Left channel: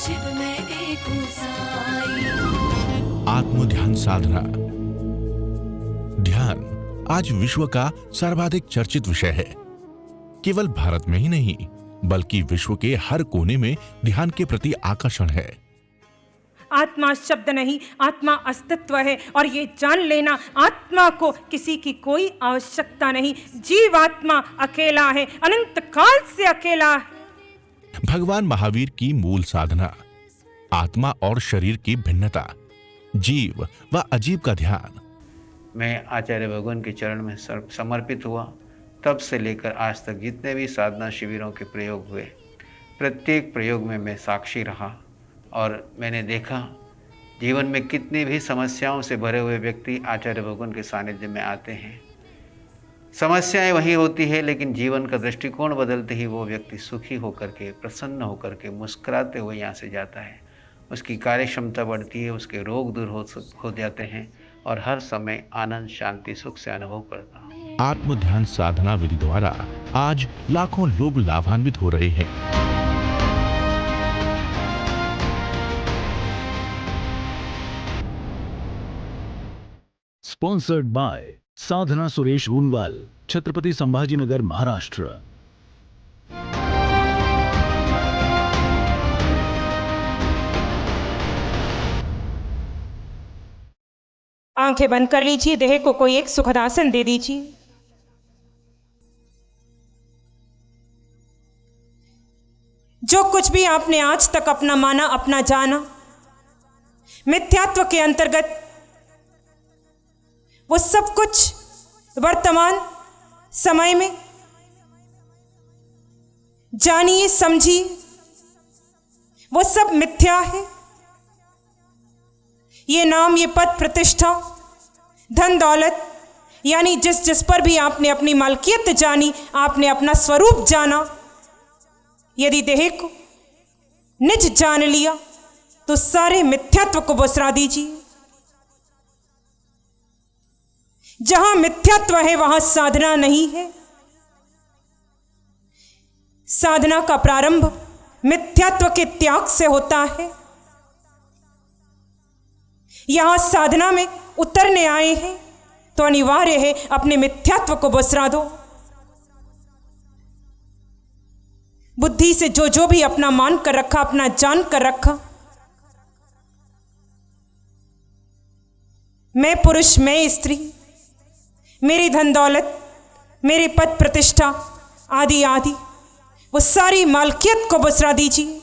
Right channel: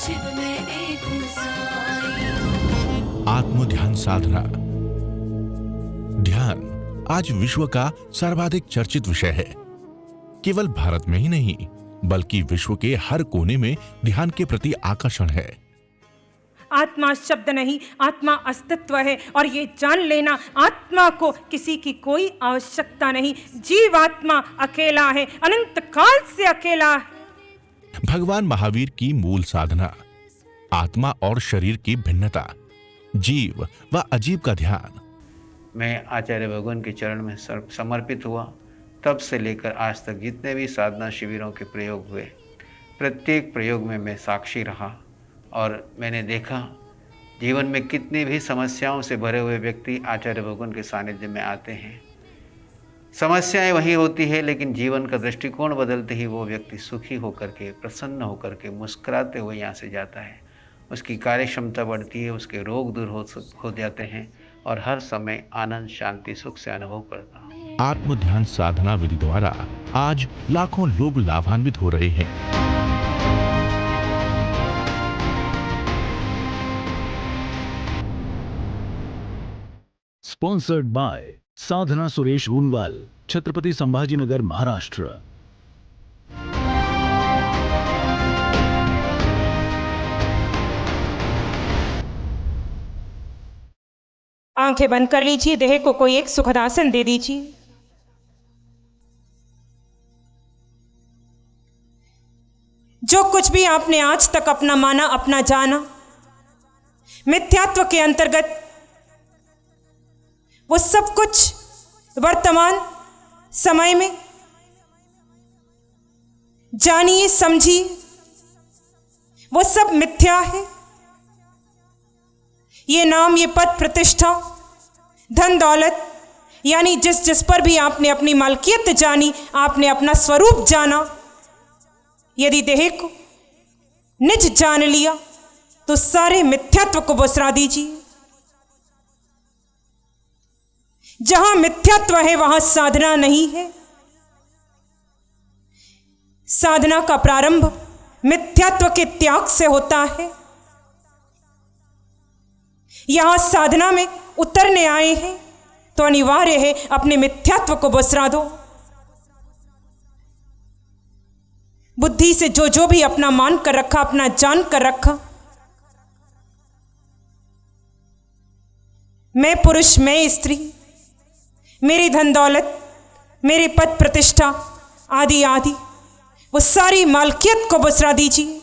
शिव में एक हूँ साई। आत्म ध्यान साधना। ध्यान आज विश्व का सर्वाधिक चर्चित विषय है। केवल भारत में ही नहीं बल्कि विश्व के हर कोने में ध्यान के प्रति आकर्षण है। आत्मा शब्द नहीं, आत्मा अस्तित्व है और ये जान लेना आत्मा को किसी की कोई आवश्यकता नहीं। जीवात्मा अकेला है, अनंत काल से अकेला है। भगवान महावीर की मूल साधना आत्मा और शरीर की भिन्नता, जीव व अजीव का ध्यान। मैं आचार्य भगवान के चरण में समर्पित हुआ, तब से लेकर आज तक जितने भी साधना शिविरों के प्रयोग हुए, प्रत्येक प्रयोग में मैं साक्षी रहा और मैंने देखा जीवन में कितनी भी समस्याओं से भरे हुए व्यक्ति आचार्य भगवान के सानिध्य में आते हैं। समस्याएं वही होती है, लेकिन जीवन का दृष्टिकोण बदलते ही वो व्यक्ति सुखी होकर के, प्रसन्न होकर के, मुस्कुराते हुए यहाँ से जाता है। उसकी कार्य क्षमता बढ़ती है, उसके रोग दूर हो जाते हैं और हर समय आनंद, शांति, सुख से अनुभव करता है। आत्म ध्यान साधना विधि द्वारा आज लाखों लोग लाभान्वित हो रहे हैं। Sponsored by Sadhana Suresh Runwal, Chhatrapati Sambhajinagar, Maharashtra. आंखें बंद कर लीजिए, देह को कोई एक सुखद आसन दे दीजिए। जो कुछ भी आपने आज तक अपना माना, अपना जाना, मिथ्यात्व के अंतर्गत, वो सब कुछ वर्तमान समय में जानिए, समझिए, वो सब मिथ्या है। ये नाम, ये पद, प्रतिष्ठा, धन दौलत, यानी जिस जिस पर भी आपने अपनी मालकियत जानी, आपने अपना स्वरूप जाना, यदि देह को निज जान लिया तो सारे मिथ्यात्व को बसरा दीजिए। जहां मिथ्यात्व है वहां साधना नहीं है। साधना का प्रारंभ मिथ्यात्व के त्याग से होता है। यहां साधना में उतरने आए हैं तो अनिवार्य है अपने मिथ्यात्व को बसरा दो। बुद्धि से जो जो भी अपना मान कर रखा, अपना जान कर रखा, मैं पुरुष, मैं स्त्री, मेरी धन दौलत, मेरे पद प्रतिष्ठा आदि आदि, वो सारी मालकियत को बसरा दीजिए।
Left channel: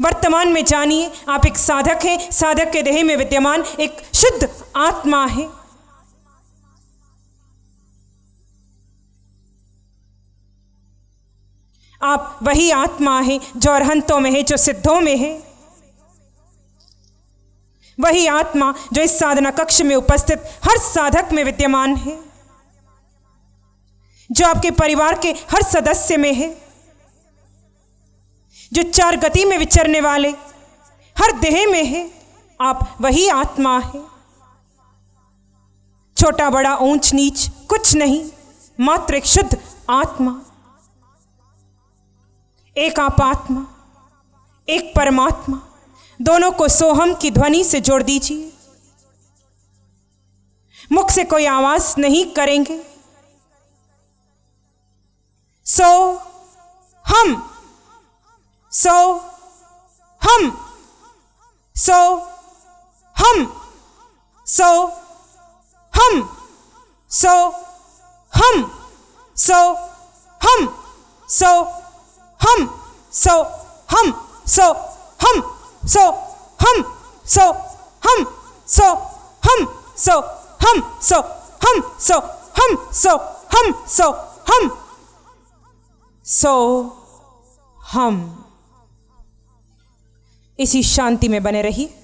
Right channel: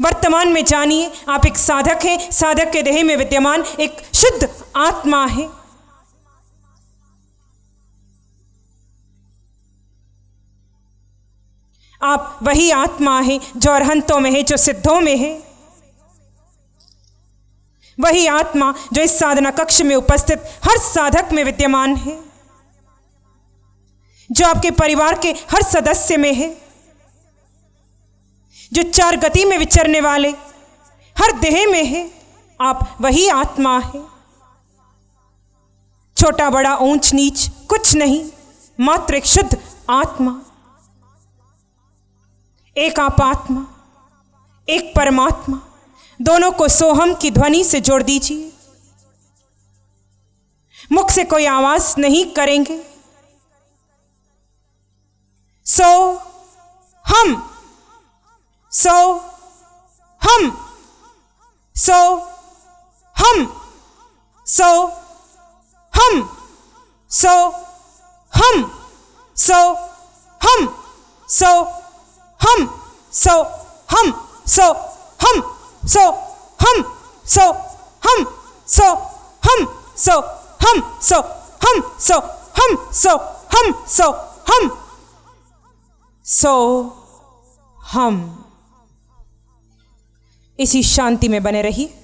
वर्तमान में जानिए आप एक साधक हैं। साधक के देह में विद्यमान एक शुद्ध आत्मा है। आप वही आत्मा है जो अरहंतों में है, जो सिद्धों में है। वही आत्मा जो इस साधना कक्ष में उपस्थित हर साधक में विद्यमान है, जो आपके परिवार के हर सदस्य में है, जो चार गति में विचरने वाले हर देह में है। आप वही आत्मा है। छोटा बड़ा, ऊंच नीच कुछ नहीं, मात्र एक शुद्ध आत्मा, एक आप आत्मा, एक परमात्मा। दोनों को सोहम की ध्वनि से जोड़ दीजिए। मुख से कोई आवाज नहीं करेंगे। सो हम, सो हम, सो हम, सो हम, सो हम, सो हम, सो हम, सो हम, सो हम, सो हम, सो हम, सो हम, सो हम, सो हम, सो हम, सो हम, सो हम, सो हम। इसी शांति में बने रहिए।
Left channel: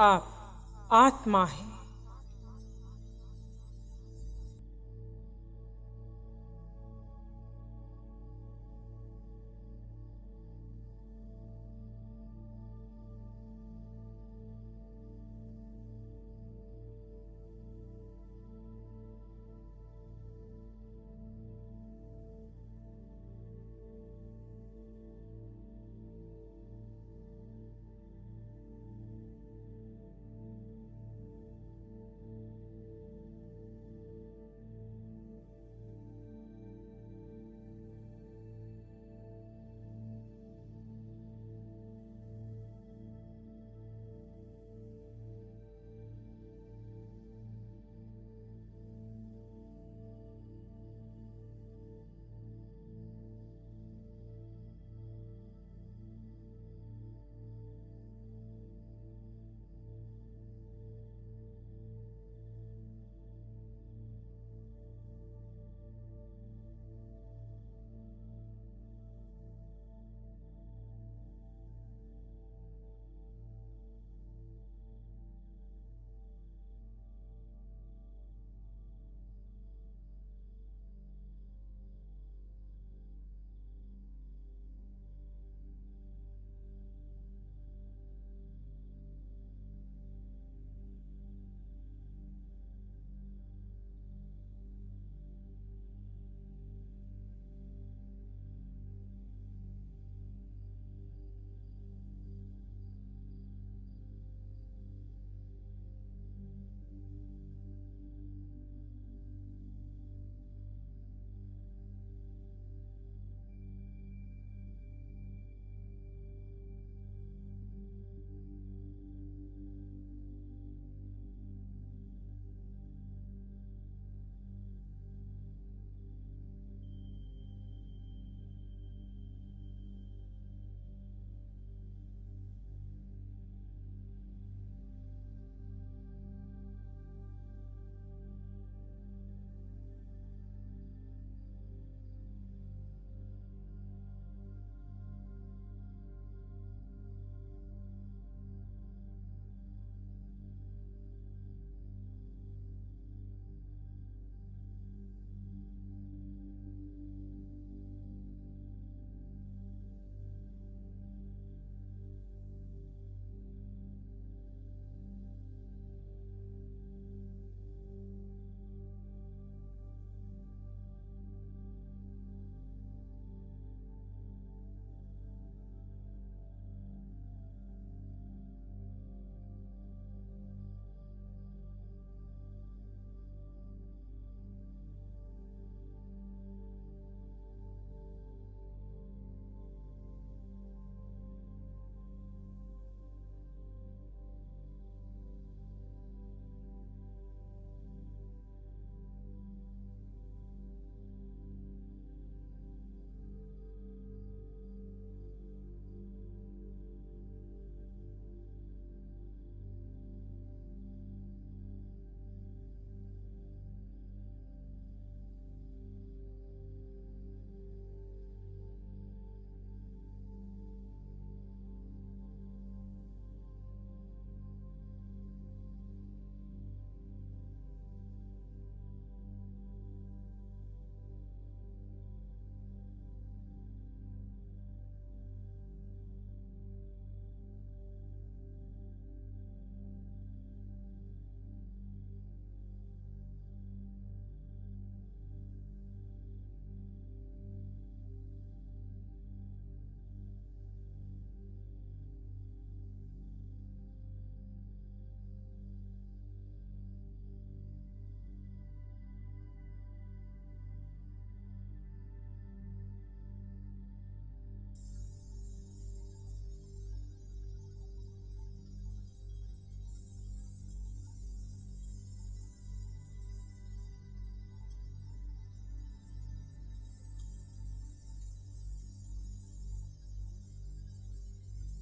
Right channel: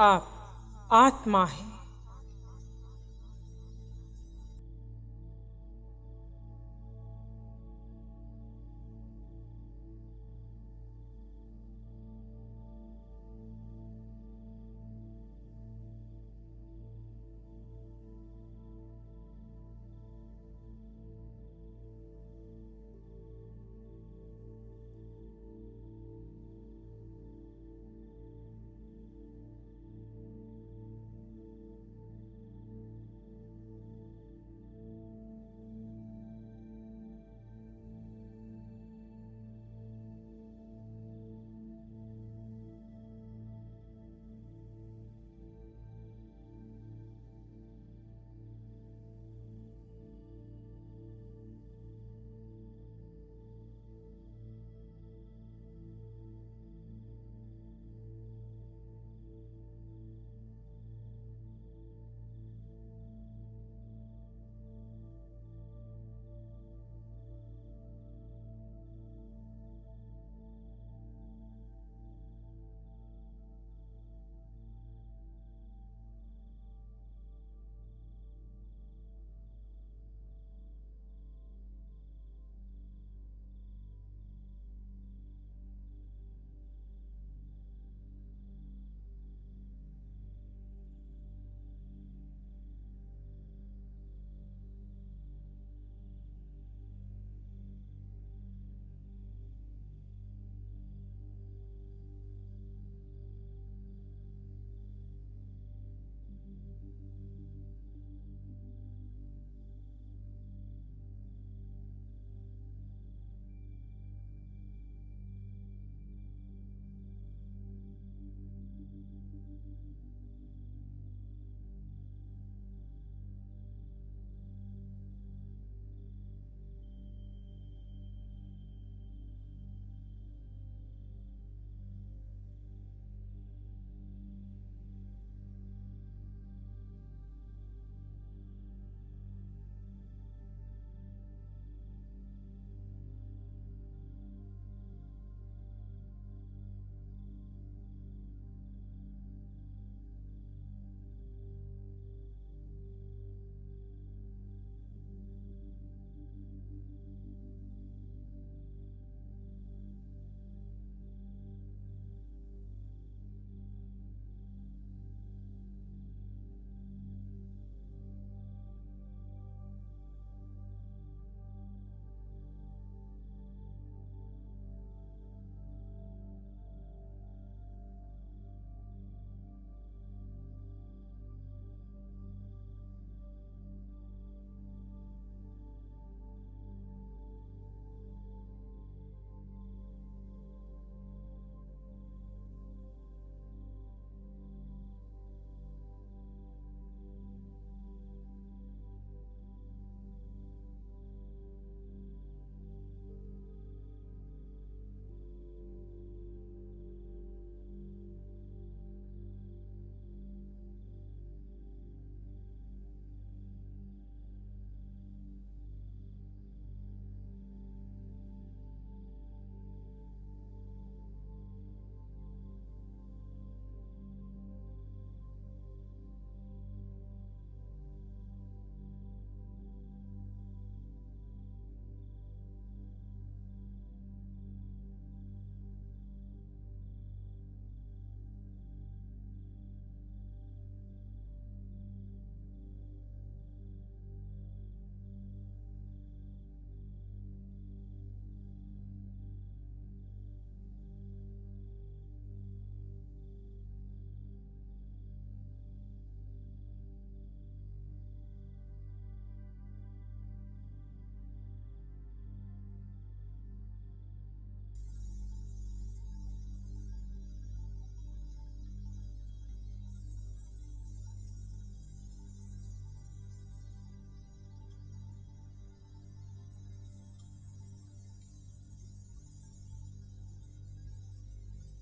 आप आत्मा हैं।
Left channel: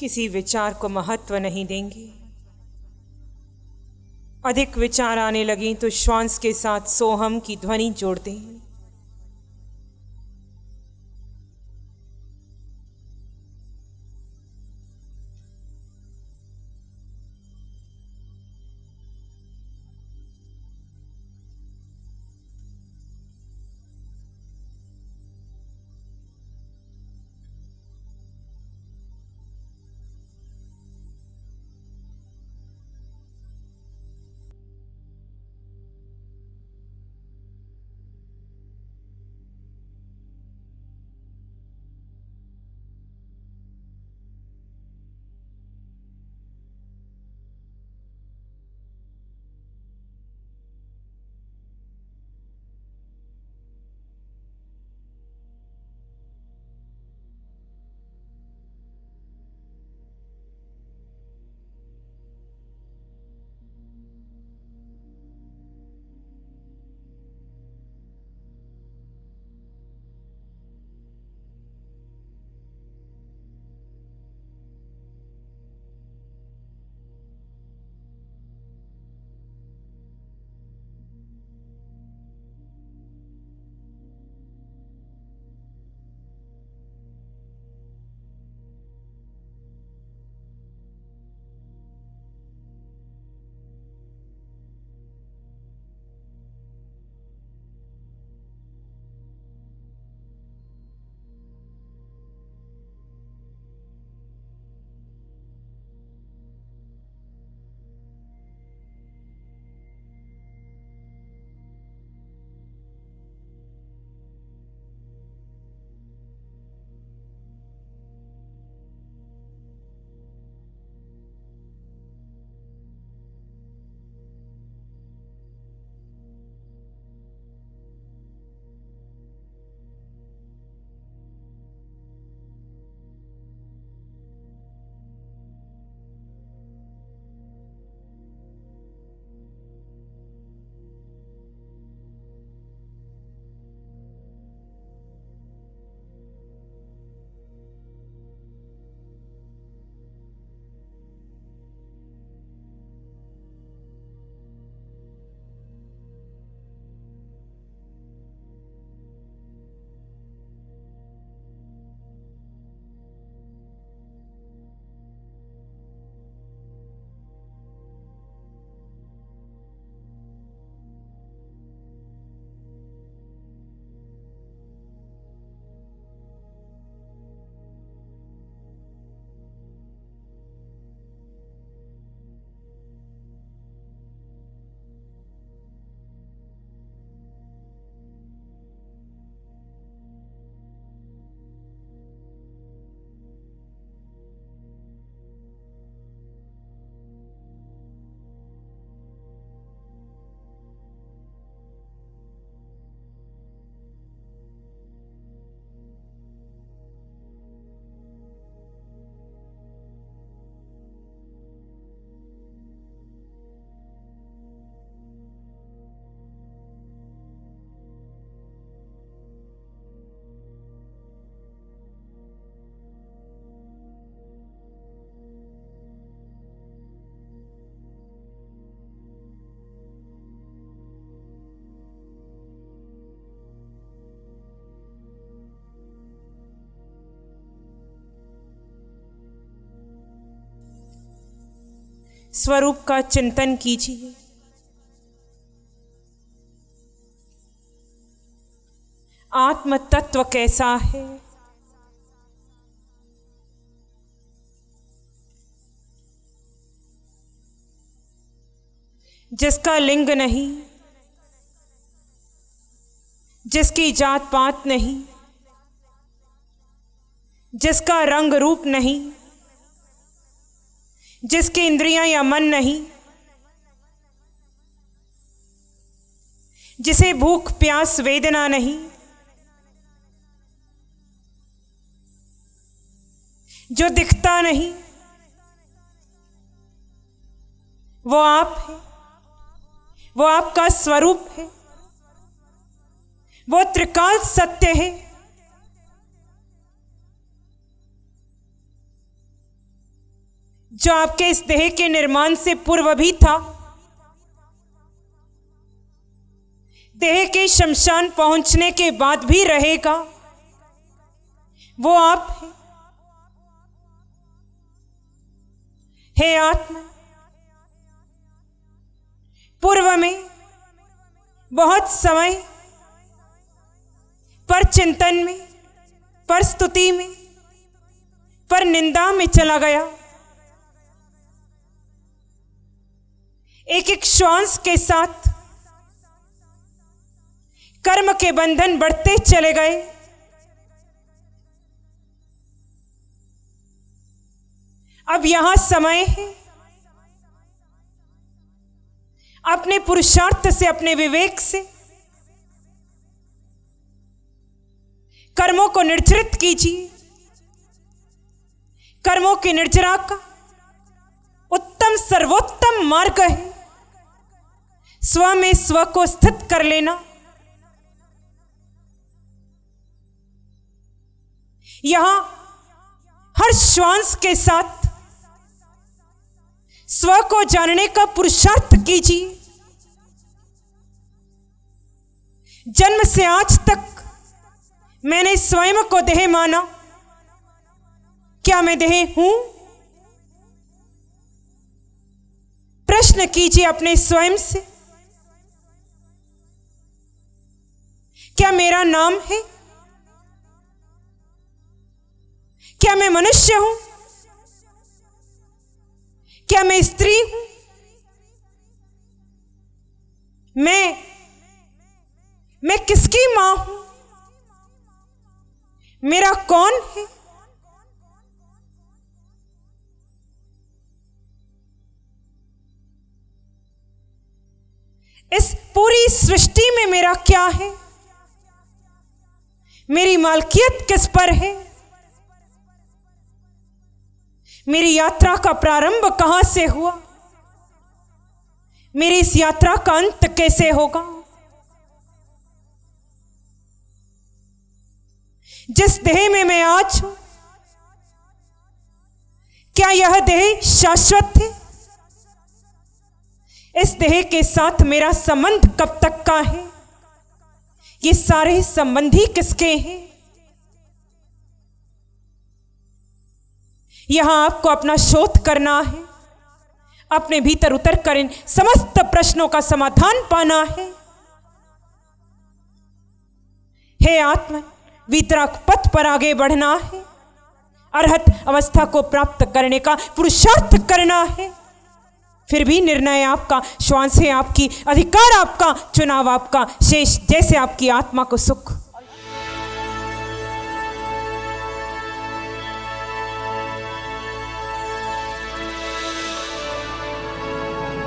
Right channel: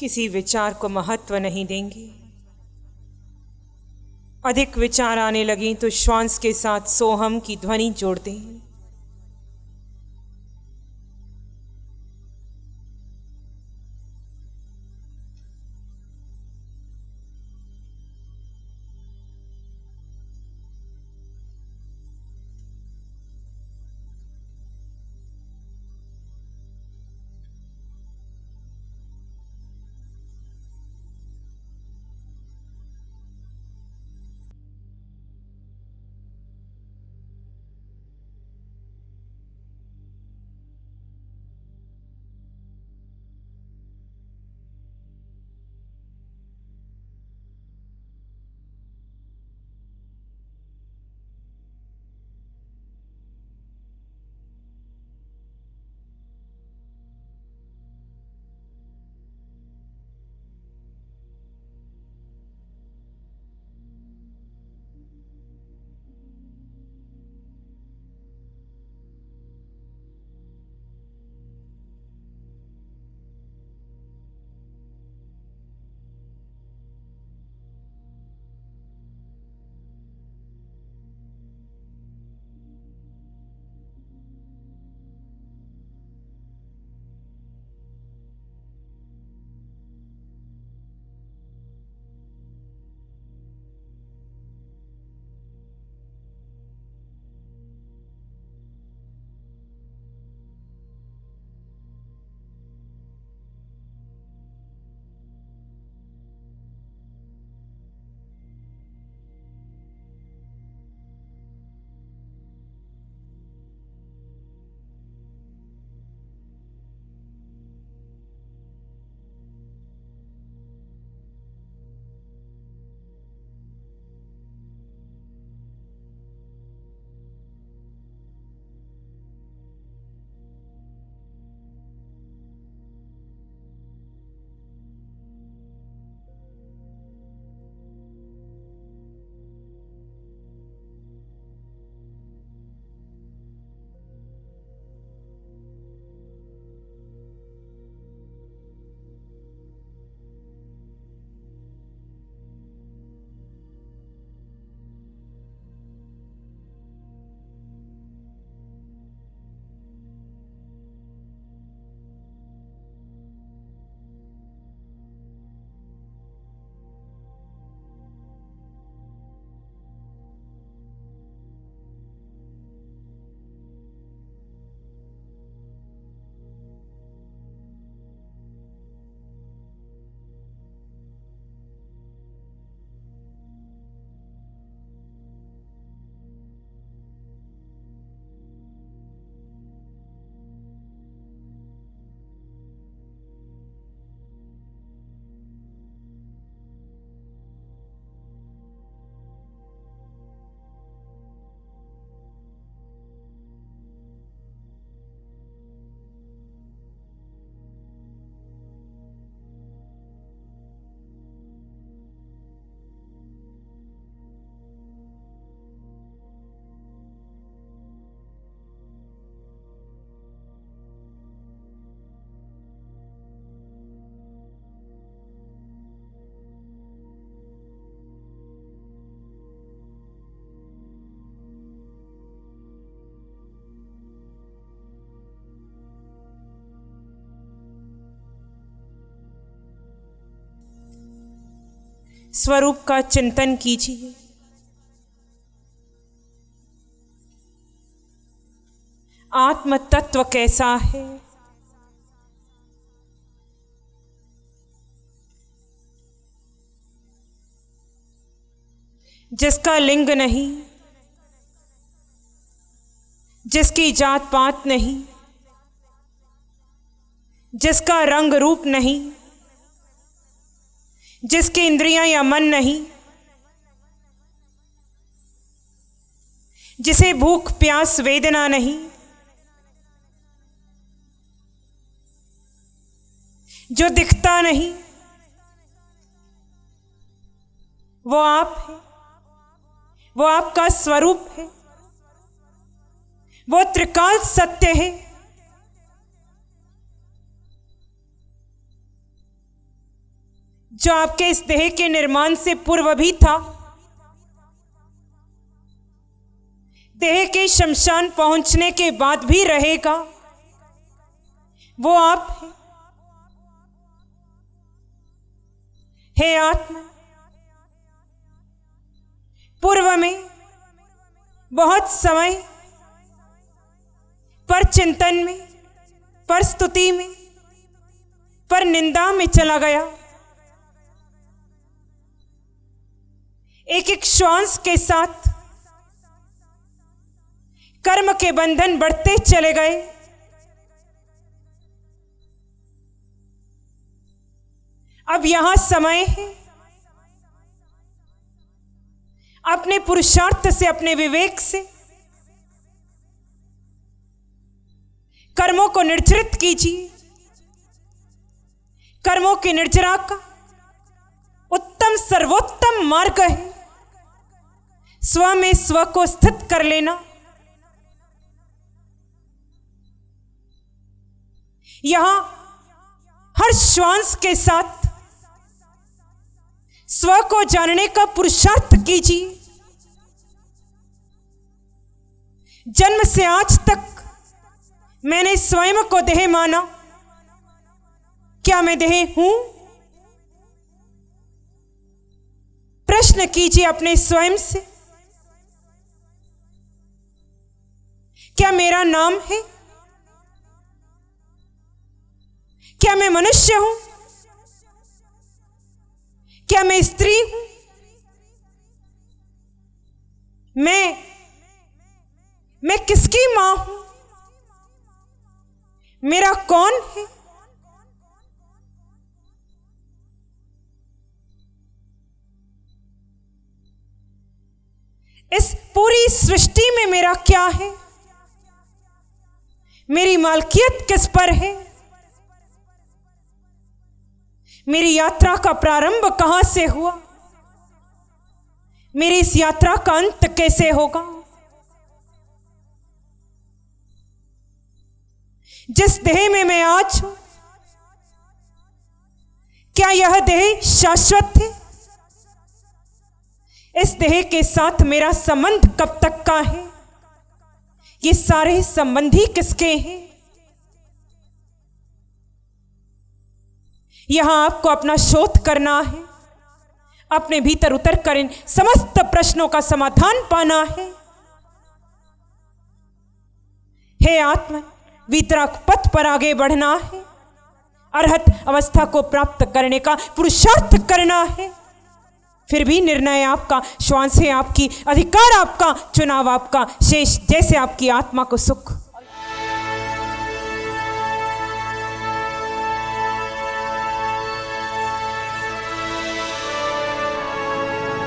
किसी विचार को महत्व नहीं देंगे। अधिक विचार आने लगे तो श्वास के साथ सोहम की ध्वनि जोड़ दें। स्वरूप का चिंतन कीजिए। आत्म तत्व कैसा है? जिसका लिंग नहीं, जिसकी जात पात नहीं, जिसका रंग रूप नहीं, जिसकी इंद्रियां या मन नहीं, जिसे भूख प्यास वेदना नहीं, जो दिखता नहीं, वो आप है, वो आपका स्वरूप है, वो त्रिकाल सत्य है। जो आपके इस देह के निर्माण से पूर्व भी था, देह के शमशान पहुंचने के बाद भी रहेगा, वो आप है। हे आत्मा, पूर्व में बहुत समय पर चिंतन में, पर स्तुति में, पर निंदा में चला गया। एक एक श्वास के साथ कर्म के बंधन बढ़ते चले गए। अब यहां समय है अपने पुरुषार्थ से, अपने विवेक से कर्मों को निर्जरित कीजिए। कर्मों की निर्जरा का उत्तम सर्वोत्तम मार्ग है स्व में स्व को स्थित कर लेना। यहां हर श्वास के साथ स्व को जानने का पुरुषार्थ कीजिए। जन्म से आज तक मैंने स्वयं को देह माना। क्या मैं देह हूं? प्रश्न कीजिए अपने स्वयं से। क्या मेरा नाम है? क्या मैं मनुष्य हूं? क्या मैं स्त्री हूं? मैं किसकी मां हूं? मेरा कौन है? इस पूरी सृष्टि में मेरा क्या है? मेरी मालकियत किस पर है? मेरी यात्रा का प्रारंभ कहां से हुआ? मेरी इस यात्रा का अंत कैसे होगा? जिस देह में मैं आज हूं, क्या यह देह शाश्वत है? इस देह के साथ मेरा संबंध कब तक का है? ये सारे संबंधी किसके हैं? यहां आपको अपना शोध करना है, अपने भीतर उतर कर इन समस्त प्रश्नों का समाधान पाना है। हे आत्मा, वितराग पथ पर आगे बढ़ना है, अरहत अवस्था को प्राप्त करने का पुरुषार्थ करना है। फिर भी निर्णय आपका, श्वास है आपकी, अधिकार आपका, चुनाव आपका, शेष जैसे आपकी आत्मा को सुख।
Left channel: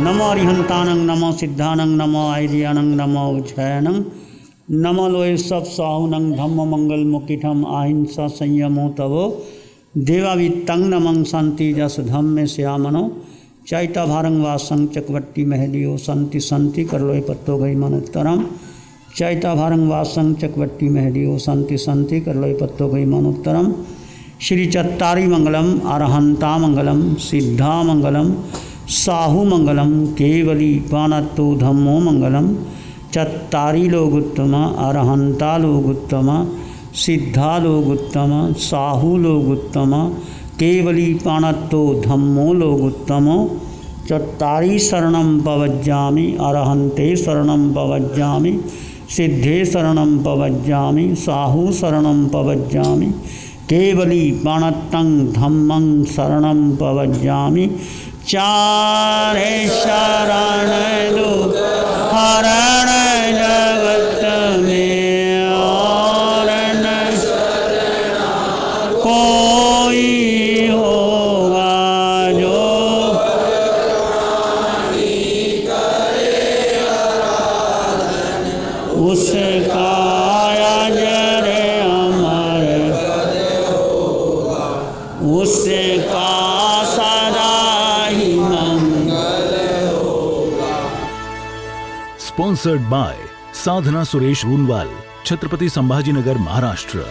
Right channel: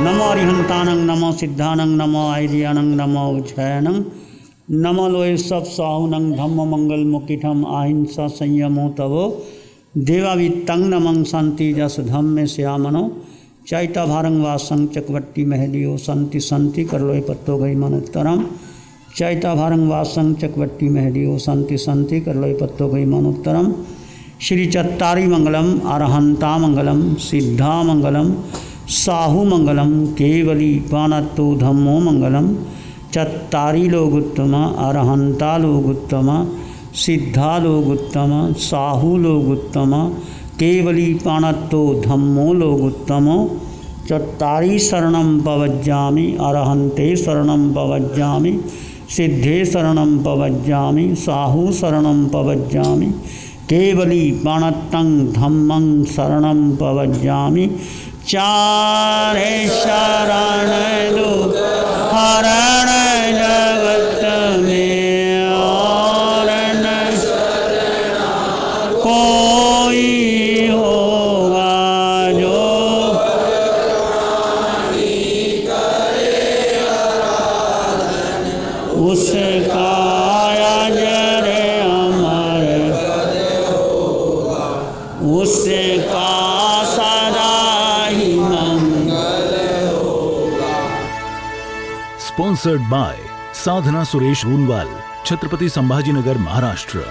नमो अरिहंतानंग, नमो सिद्धानंग, नमो आयर्यानंग, नमो उज्जयनंग, नमो लोय सब साहुनंग, धम्म मंगल मुकिठम अहिंसा संयमो तवो देवावित्तंग नमं शांति जस धम्मे श्यामनो चैता भारंग वासं चकवट्टी महदियो संति संति कर लोय पत्तो गई मनुत्तरम चैता भारंग वासं चकवट्टी महदियो संति संति कर लोय पत्तो गई मनुत्तरम। श्री चत्तारी मंगलम, अरहंता मंगलम, सिद्धा मंगलम, साहु मंगलम, केवली पानत्तो धम्मो मंगलम। चत्तारी लोगुत्तम, अरहंता लोगुत्तम, सिद्धा लोगुत्तम, साहु लोगुत्तम, केवली पानत्तो धम्मो लोगुत्तमो। चत्तारि शरणं पवज्जामि अरहन्ते शरणं पवज्जामि सिद्धे शरणं पवज्जामि साहु शरणं पवज्जामि केवली पाणत्तं धम्मं शरणं पवज्जामि चारे शरण लोक हरण जगत में और न कोई होगा जो उसका अजर अमर उसका सदा ही मंगल स्पॉन्सर्ड बाय साधना सुरेश रूनवाल, छत्रपति संभाजीनगर, महाराष्ट्र।